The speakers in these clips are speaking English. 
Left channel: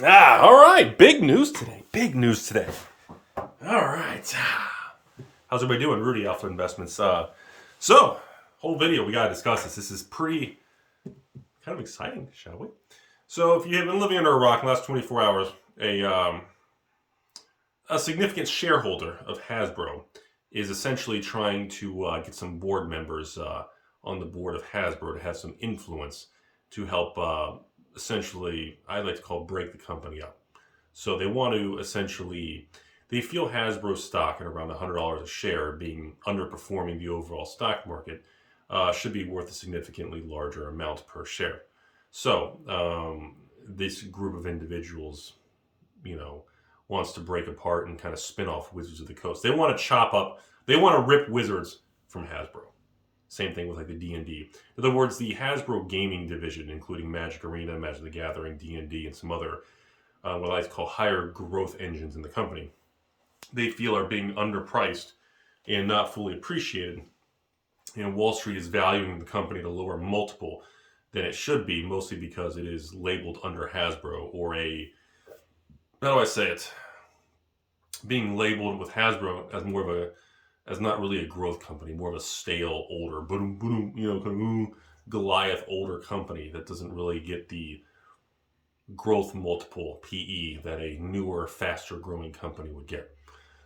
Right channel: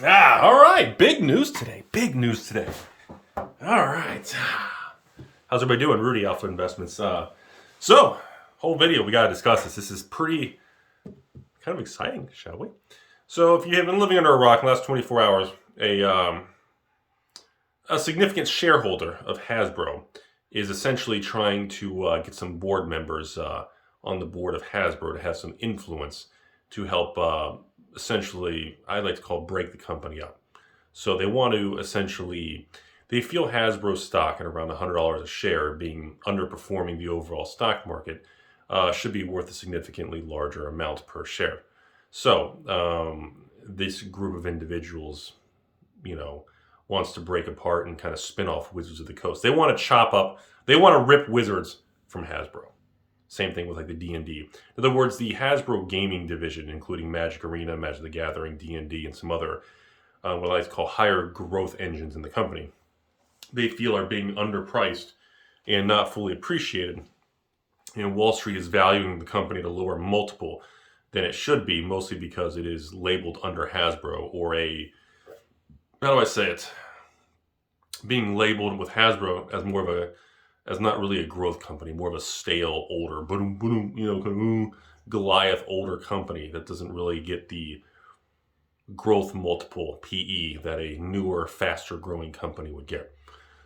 All right. Big news today. Big news today. All right. How's everybody doing? Rudy, Alpha Investments. So, whole video, we got to discuss this. This is pretty kind of exciting, shall we? So, if you have been living under a rock in the last 24 hours, a significant shareholder of Hasbro is essentially trying to get some board members on the board of Hasbro to have some influence to help essentially, I like to call break the company up. So they want to essentially, they feel Hasbro stock at around $100 a share being underperforming the overall stock market should be worth a significantly larger amount per share. So this group of individuals, wants to break apart and kind of spin off Wizards of the Coast. They want to chop up, they want to rip Wizards from Hasbro. Same thing with like the D&D. In other words, the Hasbro gaming division, including Magic Arena, Magic the Gathering, D&D, and some other what I like to call higher growth engines in the company, they feel are being underpriced and not fully appreciated. Wall Street is valuing the company at a lower multiple than it should be, mostly because it is labeled under Hasbro, or how do I say it? Being labeled with Hasbro as more of as not really a growth company, more of a stale, older, Goliath older company that doesn't really get the growth multiple PE that a newer, faster growing company would get.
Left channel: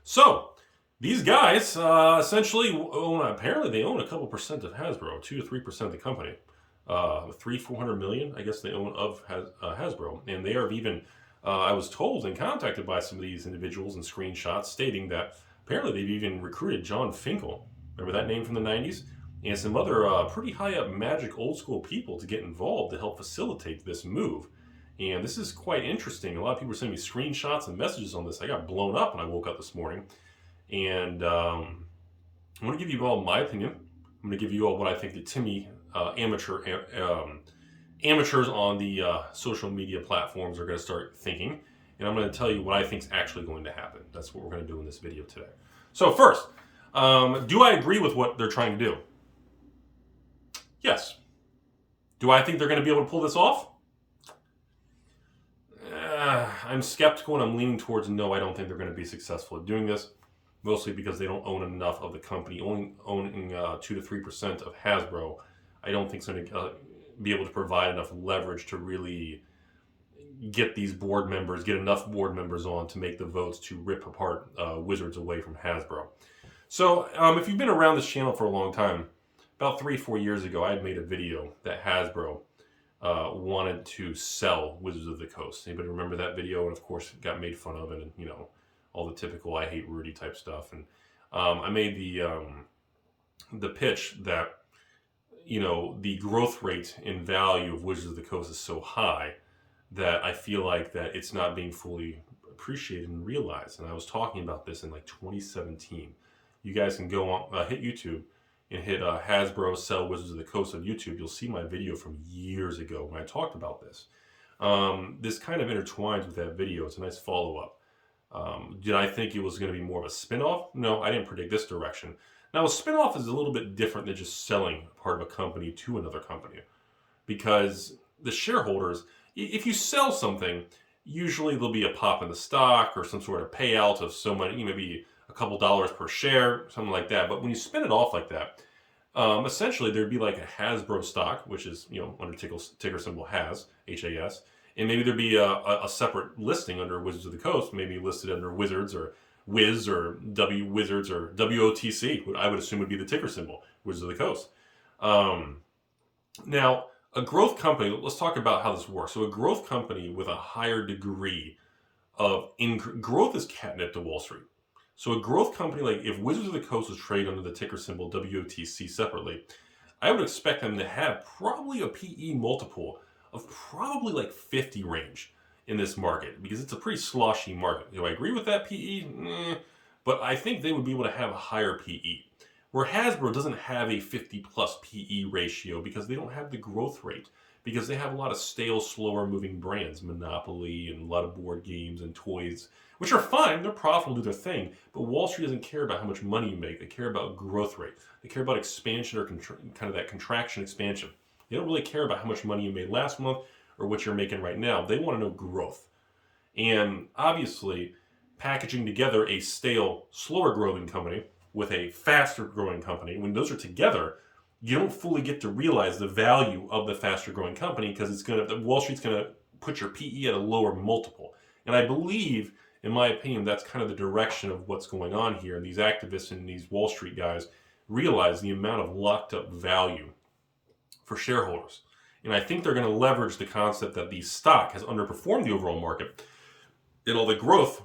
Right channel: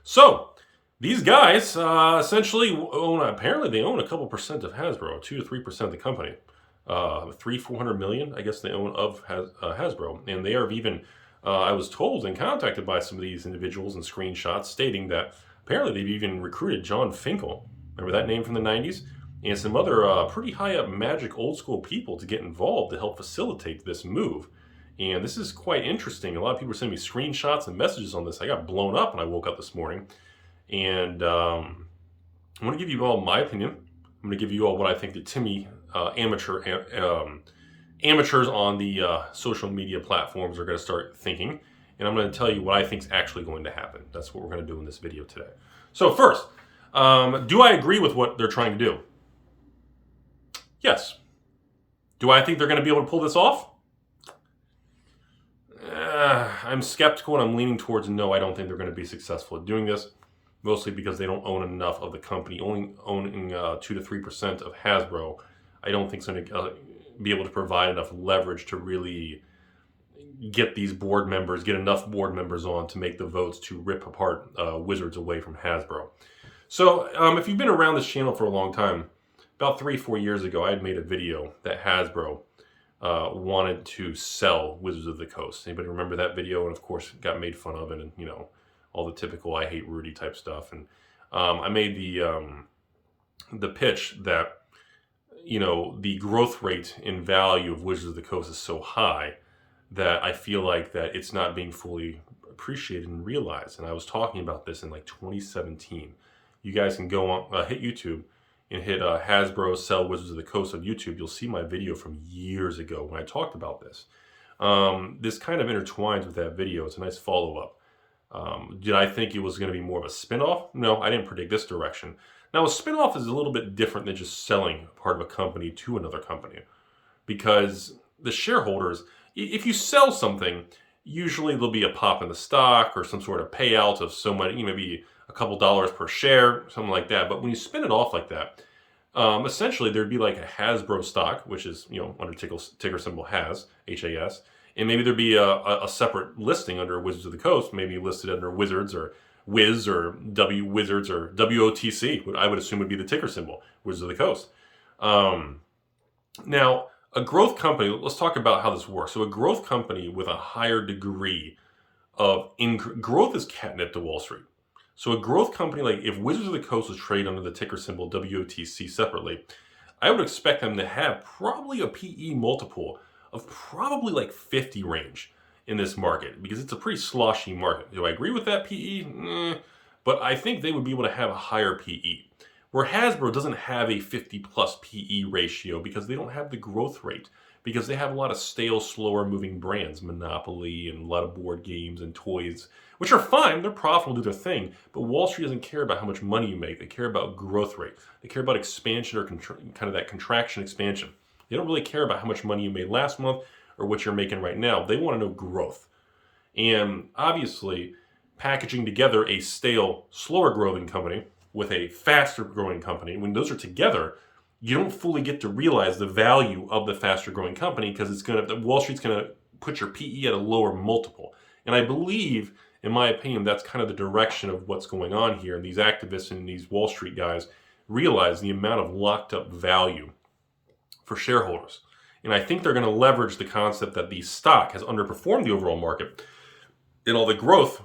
So these guys essentially apparently they own a couple percent of Hasbro, 2 to 3% of the company. 400 million, I guess they own of Hasbro. And they are even, I was told and contacted by some of these individuals and screenshots stating that apparently they've even recruited John Finkel, remember that name from the 90s? And some other pretty high up Magic old school people to get involved to help facilitate this move. And this is quite interesting. A lot of people are sending me screenshots and messages on this. I got blown up when I woke up this morning. And I want to give you all my opinion. I'm going to give you all what I think the Timmy amateurs on the social media platforms are going to start thinking. And I'm going to tell you what I think is actually going to happen. That's what we're going to do in this video today. So first, do I agree with what they're trying to do? Yes. Do I think they're going to be able to pull this off? I'm skeptical and I'm leaning towards no, I don't think they're going to be successful at doing this. Mostly because they don't own enough of the company. Only owning 2 to 3% of Hasbro, I don't think it's going to be able to provide enough leverage to really get enough board members on to make the votes to rip apart Wizards away from Hasbro. So if you've been around this channel for a long time, about 3-4 years ago, I had made a video that Hasbro wanted to sell Wizards of the Coast. Anybody remember that video? And of course, it got made fun of, and all the typical I hate Rudy type stuff. And I made the pitch that the growth rate in value of Wizards of the Coast is so high that I feel like that it's not being fully appreciated and realized. And I was talking about this in like 2017. You guys can go on, hit YouTube and hit Hasbro Sell Wizards of the Coast on YouTube. You'll see my video from years ago when I talked about this. This kind of intertwines with that video. It's a nice follow-up. Did I think it was going to be more of a spin-off? No, I didn't predict this direction. Now, a spin-off is a little bit different than just selling part of a company to another company. Because the shareholders, if you sell something, usually there'll be a pop in the stock or some sort of payout of so much, maybe a couple dollars per share, something like that. But when you spin it off like that, essentially there'd be like a Hasbro stock, which is, under ticker symbol HAS, H-A-S. And maybe there'd be a separate listing under Wizards of the Coast, maybe listed under Wizards or Wiz or Wizards or WOTC, what I would assume would be the ticker symbol, Wizards of the Coast. Now, a growth company, let's talk about how this works. So a growth company with a higher degree of growth is catnip to Wall Street. So a growth company, like if Wizards of the Coast was traded under the ticker symbol WOTC separately, I would expect them to have probably a PE multiple of probably like 50 range in this market, because it's a pretty sloshy market. Do I agree with that PE? But I think they would be able to have a higher PE. Where Hasbro doesn't have a 50 plus PE ratio because they don't have the growth rate, because they have a lot of stale, slower moving brands, Monopoly and a lot of board games and toys, which are fine, they're profitable, do their thing, but Wall Street doesn't care about how much money you make. They care about growth rate. They care about expansion or kind of that contraction expansion. They don't really care about how much money you made last month or what you're making right now. They want to know growth. And obviously, packaging together a stale, slower growing company with a faster growing company, when those are together, you don't fully get to realize the value of the faster growing company because Wall Street's going to put your PE at a lower multiple. And I believe, in my opinion, that's kind of the direction of what's going on here. And these activists and these Wall Street guys realize the amount of locked up value for shareholders. And I think they're going to leverage the concept that the stock has underperformed the overall market and all the growth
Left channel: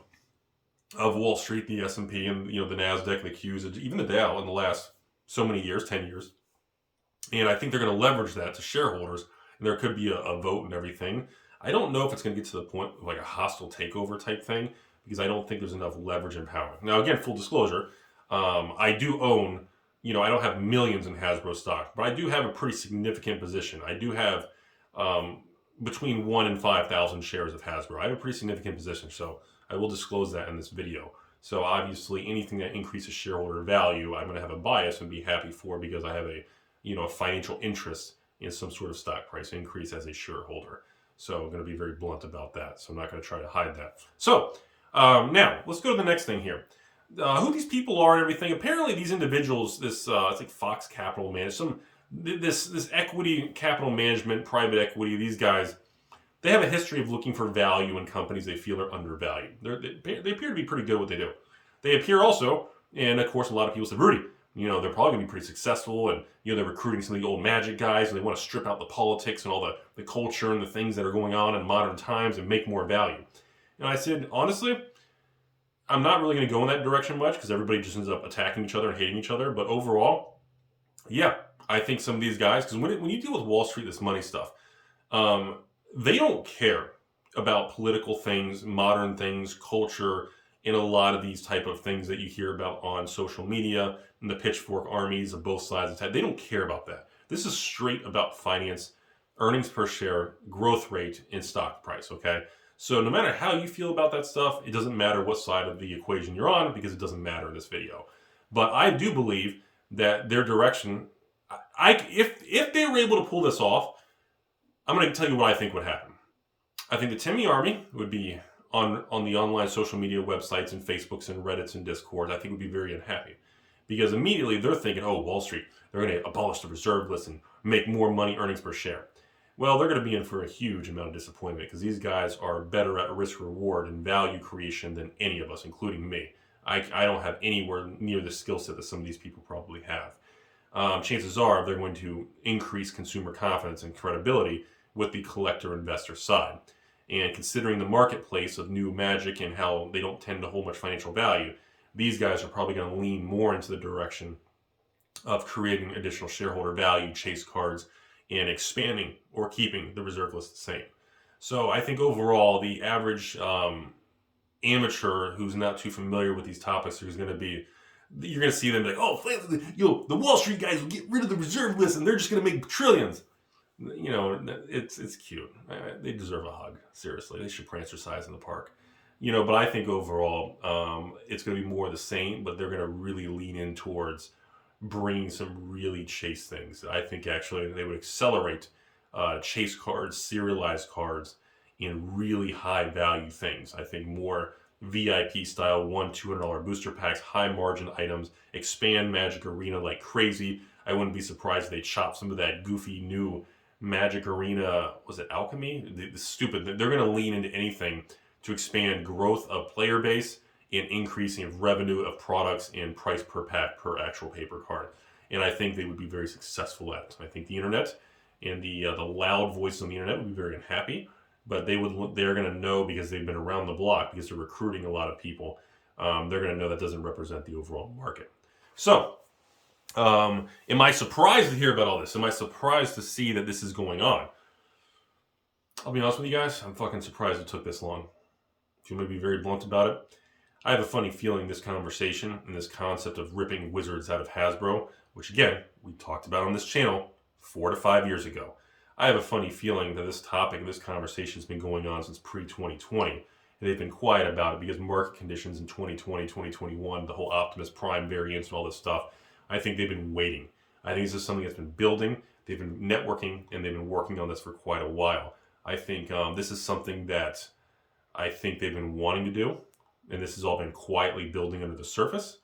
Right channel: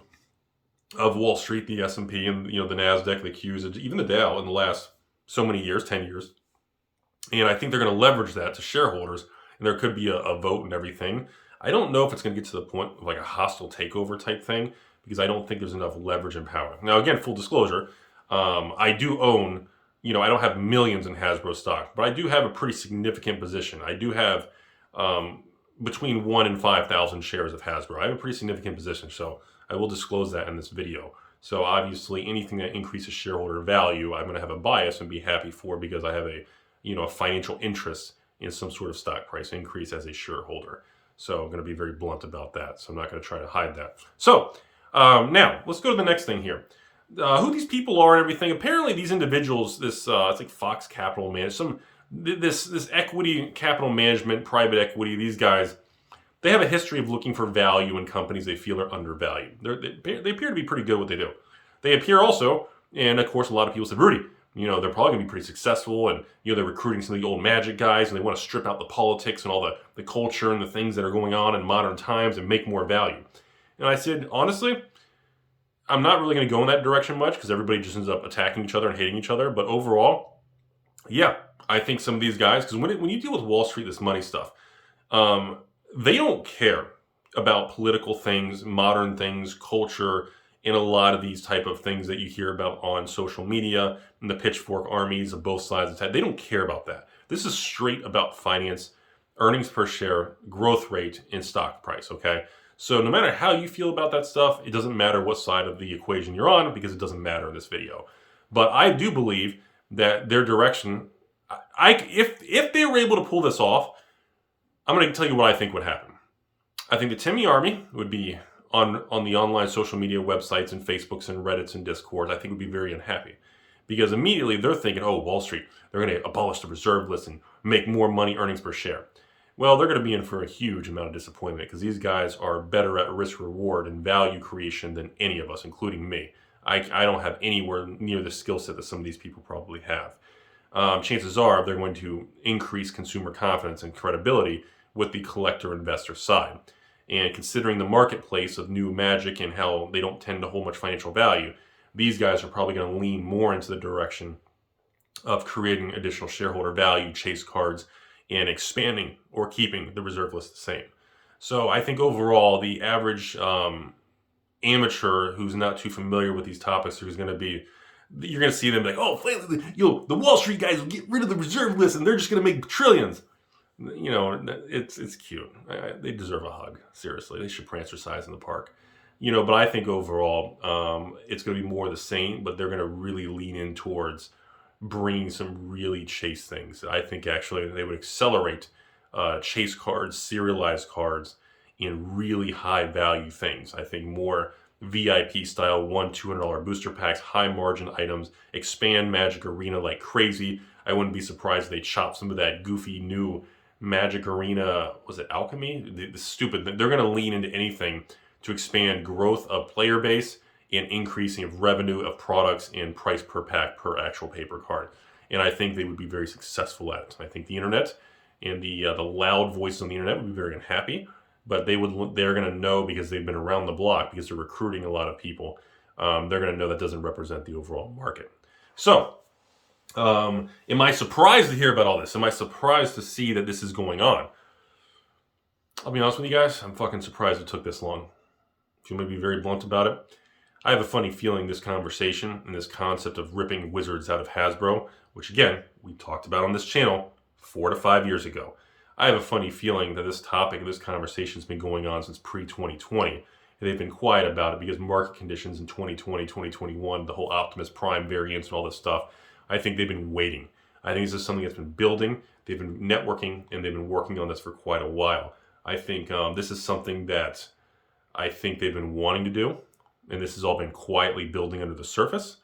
of Wall Street, the S&P, and the NASDAQ, the Qs, even the Dow in the last so many years, 10 years. And I think they're going to leverage that to shareholders, and there could be a vote and everything. I don't know if it's going to get to the point of like a hostile takeover type thing, because I don't think there's enough leverage and power. Now, again, full disclosure, I do own, I don't have millions in Hasbro stock, but I do have a pretty significant position. I do have between 1 and 5,000 shares of Hasbro. I have a pretty significant position, so I will disclose that in this video. So obviously, anything that increases shareholder value, I'm going to have a bias and be happy for, because I have a financial interest in some sort of stock price increase as a shareholder. So I'm going to be very blunt about that. So I'm not going to try to hide that. So now let's go to the next thing here. Who these people are and everything. Apparently, these individuals, it's like Fox Capital Management, this equity capital management, private equity. These guys, they have a history of looking for value in companies they feel are undervalued. They appear to be pretty good at what they do. They appear also, and of course, a lot of people said, Rudy, they're probably going to be pretty successful, and they're recruiting some of the old Magic guys, and they want to strip out the politics and all the culture and the things that are going on in modern times and make more value. And I said, honestly, I'm not really going to go in that direction much, because everybody just ends up attacking each other and hating each other. But overall, yeah, I think some of these guys, because when you deal with Wall Street, this money stuff, they don't care about political things, modern things, culture, and a lot of these type of things that you hear about on social media and the pitchfork armies of both sides of the head. They don't care about that. This is straight about finance, earnings per share, growth rate, and stock price, okay? So no matter how you feel about that stuff, it doesn't matter what side of the equation you're on, because it doesn't matter in this video. But I do believe that their direction, if they were able to pull this off, I'm going to tell you what I think would happen. I think the Timmy Army would be on the online social media websites and Facebooks and Reddits and Discords. I think would be very unhappy, because immediately they're thinking, oh, Wall Street, they're going to abolish the reserve list and make more money, earnings per share. Well, they're going to be in for a huge amount of disappointment, because these guys are better at risk reward and value creation than any of us, including me. I don't have anywhere near the skill set that some of these people probably have. Chances are they're going to increase consumer confidence and credibility with the collector investor side. And considering the marketplace of new Magic and how they don't tend to hold much financial value, these guys are probably going to lean more into the direction of creating additional shareholder value, chase cards, and expanding or keeping the reserve list the same. So I think overall, the average amateur who's not too familiar with these topics, who's going to be, you're going to see them like, oh, the Wall Street guys will get rid of the reserve list and they're just going to make trillions. It's cute. They deserve a hug. Seriously, they should prancercise in the park. But I think overall, it's going to be more the same, but they're going to really lean in towards bringing some really chase things. I think actually they would accelerate chase cards, serialized cards, in really high value things. I think more VIP style $100-$200 booster packs, high margin items, expand Magic Arena like crazy. I wouldn't be surprised if they chop some of that goofy new Magic Arena, was it Alchemy? The stupid, they're going to lean into anything to expand growth of player base and increasing of revenue of products and price per pack per actual paper card. And I think they would be very successful at it. I think the internet and the loud voices on the internet would be very unhappy, but they're going to know, because they've been around the block, because they're recruiting a lot of people. They're going to know that doesn't represent the overall market. So, am I surprised to hear about all this? Am I surprised to see that this is going on? I'll be honest with you guys, I'm fucking surprised it took this long. If you want me to be very blunt about it, I have a funny feeling this conversation and this concept of ripping Wizards out of Hasbro, which again, we talked about on this channel 4 to 5 years ago. I have a funny feeling that this topic and this conversation has been going on since pre-2020. And they've been quiet about it because market conditions in 2020, 2021, the whole Optimus Prime variants and all this stuff, I think they've been waiting. I think this is something that's been building. They've been networking, and they've been working on this for quite a while. I think this is something that I think they've been wanting to do, and this has all been quietly building under the surface,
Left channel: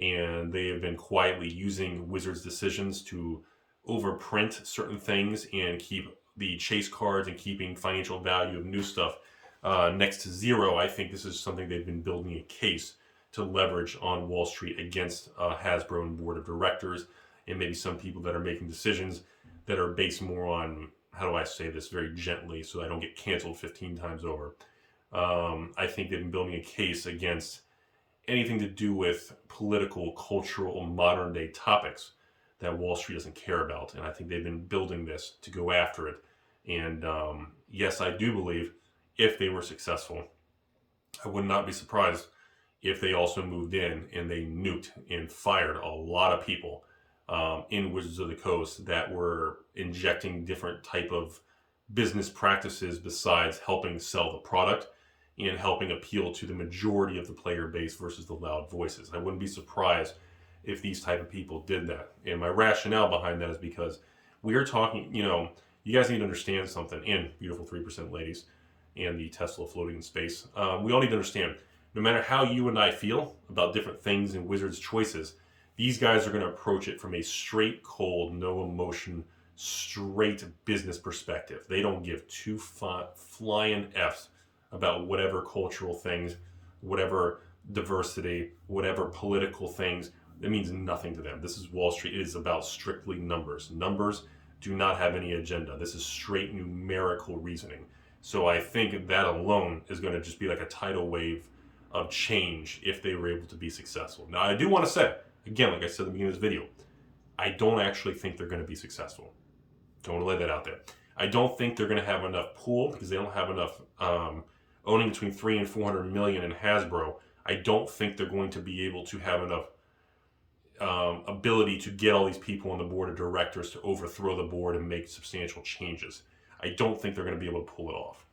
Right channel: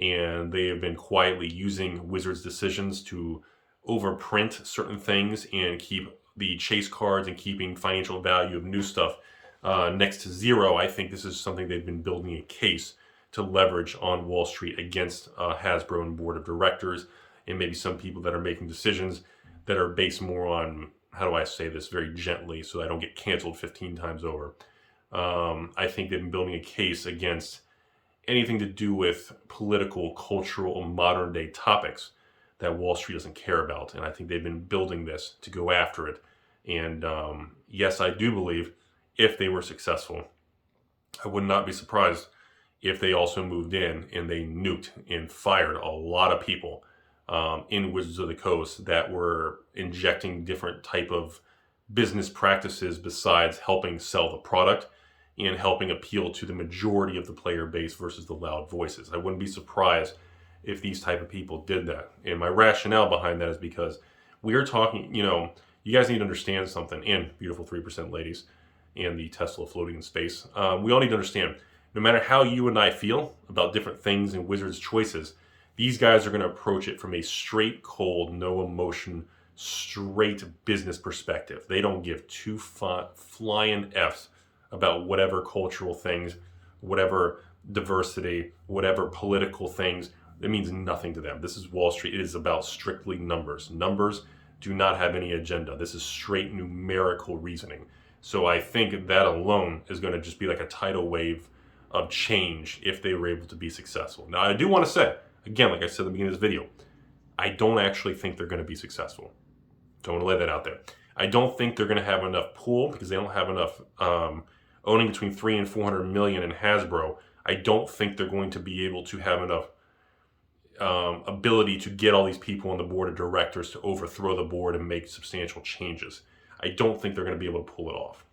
and they have been quietly using Wizards decisions to overprint certain things and keep the chase cards and keeping financial value of new stuff next to zero. I think this is something they've been building a case to leverage on Wall Street against Hasbro and board of directors, and maybe some people that are making decisions that are based more on, how do I say this very gently so I don't get canceled 15 times over. I think they've been building a case against anything to do with political, cultural, modern day topics that Wall Street doesn't care about. And I think they've been building this to go after it. And yes, I do believe if they were successful, I would not be surprised if they also moved in and they nuked and fired a lot of people in Wizards of the Coast that were injecting different type of business practices besides helping sell the product and helping appeal to the majority of the player base versus the loud voices. I wouldn't be surprised if these type of people did that. And my rationale behind that is because we are talking, you guys need to understand something, and beautiful 3% ladies and the Tesla floating in space. We all need to understand, no matter how you and I feel about different things and Wizards' choices, these guys are going to approach it from a straight, cold, no emotion, straight business perspective. They don't give two flying Fs about whatever cultural things, whatever diversity, whatever political things. It means nothing to them. This is Wall Street. It is about strictly numbers. Numbers do not have any agenda. This is straight numerical reasoning. So I think that alone is going to just be like a tidal wave of change if they were able to be successful. Now, I do want to say, again, like I said at the beginning of this video, I don't actually think they're going to be successful. So I want to lay that out there. I don't think they're going to have enough pool because they don't have enough owning between 300 and 400 million in Hasbro. I don't think they're going to be able to have enough ability to get all these people on the board of directors to overthrow the board and make substantial changes. I don't think they're going to be able to pull it off.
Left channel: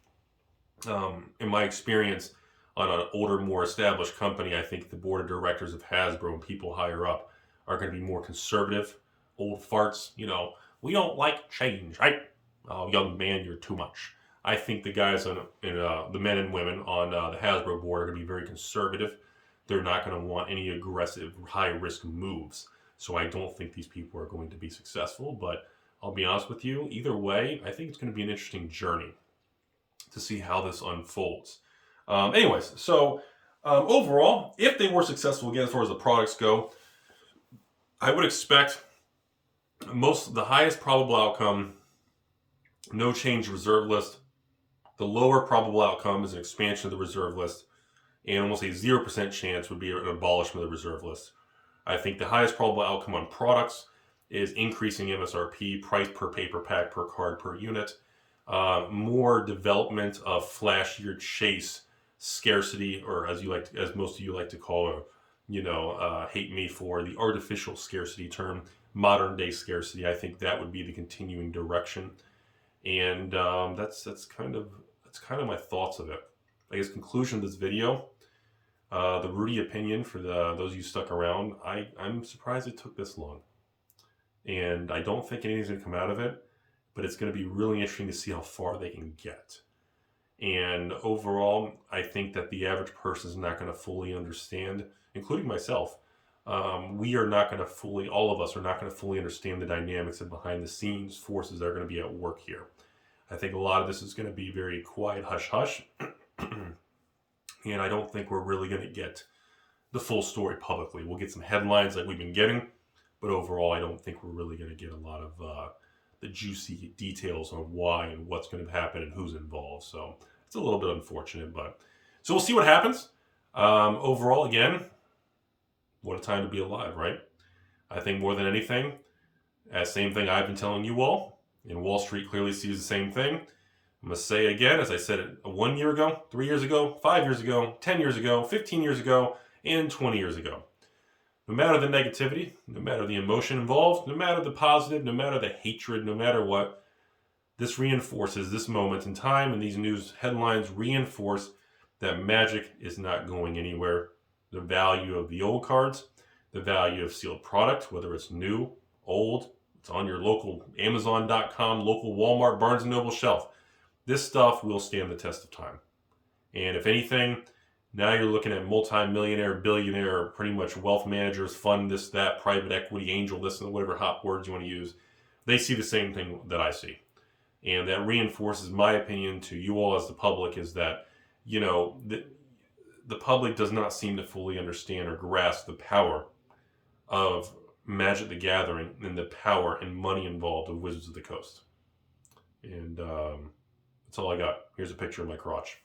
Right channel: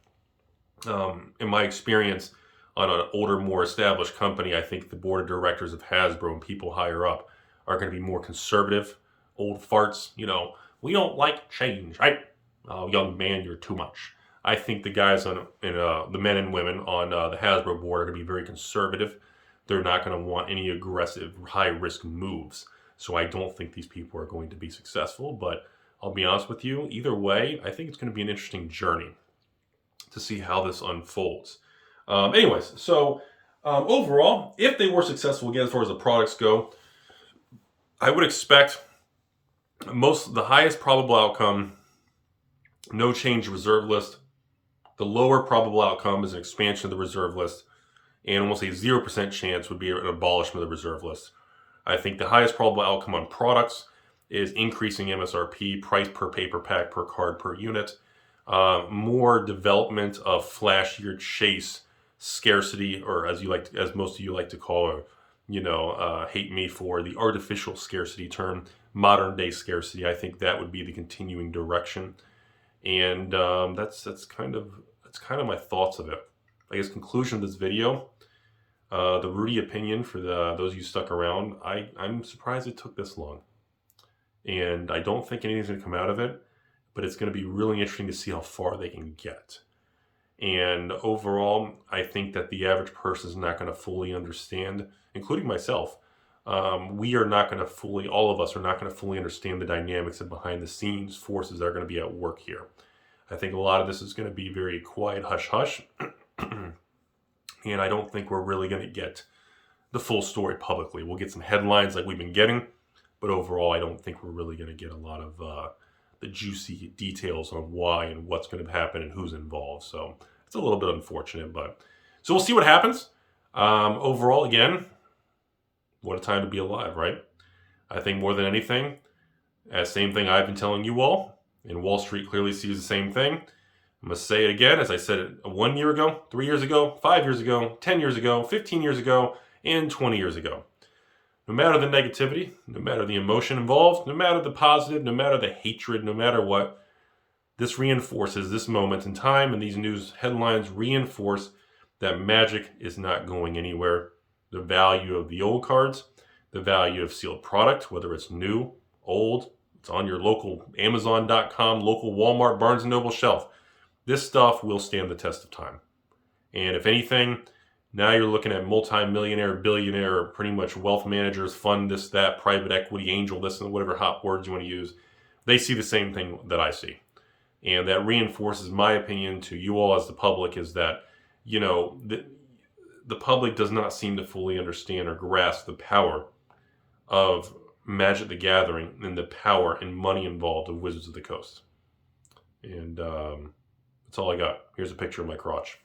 In my experience on an older, more established company, I think the board of directors of Hasbro and people higher up are going to be more conservative, old farts. We don't like change, right? Oh, young man, you're too much. I think the guys the men and women on the Hasbro board are going to be very conservative. They're not going to want any aggressive, high-risk moves. So I don't think these people are going to be successful. But I'll be honest with you, either way, I think it's going to be an interesting journey to see how this unfolds. Anyways, so overall, if they were successful, again, as far as the products go, I would expect the highest probable outcome, no change reserve list. The lower probable outcome is an expansion of the reserve list, and almost a 0% chance would be an abolishment of the reserve list. I think the highest probable outcome on products is increasing MSRP, price per paper pack, per card, per unit. More development of flashier chase scarcity, or as most of you like to call it, hate me for the artificial scarcity term, modern day scarcity. I think that would be the continuing direction, and that's kind of my thoughts of it. I guess conclusion of this video, the Rudy opinion for those of you stuck around. I'm surprised it took this long, and I don't think anything's going to come out of it, but it's going to be really interesting to see how far they can get. And overall, I think that the average person is not going to fully understand, including myself. We are not going to all of us are not going to fully understand the dynamics and behind the scenes forces that are going to be at work here. I think a lot of this is going to be very quiet, hush-hush. And I don't think we're really going to get the full story publicly. We'll get some headlines like we've been getting, but overall, I don't think we're really going to get a lot of the juicy details on why and what's going to happen and who's involved. So it's a little bit unfortunate, but so we'll see what happens. Overall, again, what a time to be alive, right? I think more than anything, same thing I've been telling you all, and Wall Street clearly sees the same thing. I'm going to say it again, as I said it 1 year ago, 3 years ago, 5 years ago, 10 years ago, 15 years ago, and 20 years ago. No matter the negativity, no matter the emotion involved, no matter the positive, no matter the hatred, no matter what, this reinforces this moment in time, and these news headlines reinforce that Magic is not going anywhere. The value of the old cards, the value of sealed product, whether it's new, old, it's on your local Amazon.com, local Walmart, Barnes & Noble shelf. This stuff will stand the test of time. And if anything, now you're looking at multi-millionaire, billionaire, pretty much wealth managers, fund this, that, private equity, angel this, and whatever hot words you want to use. They see the same thing that I see. And that reinforces my opinion to you all as the public is that, you know, the public does not seem to fully understand or grasp the power of Magic the Gathering and the power and money involved of Wizards of the Coast. And that's all I got. Here's a picture of my crotch.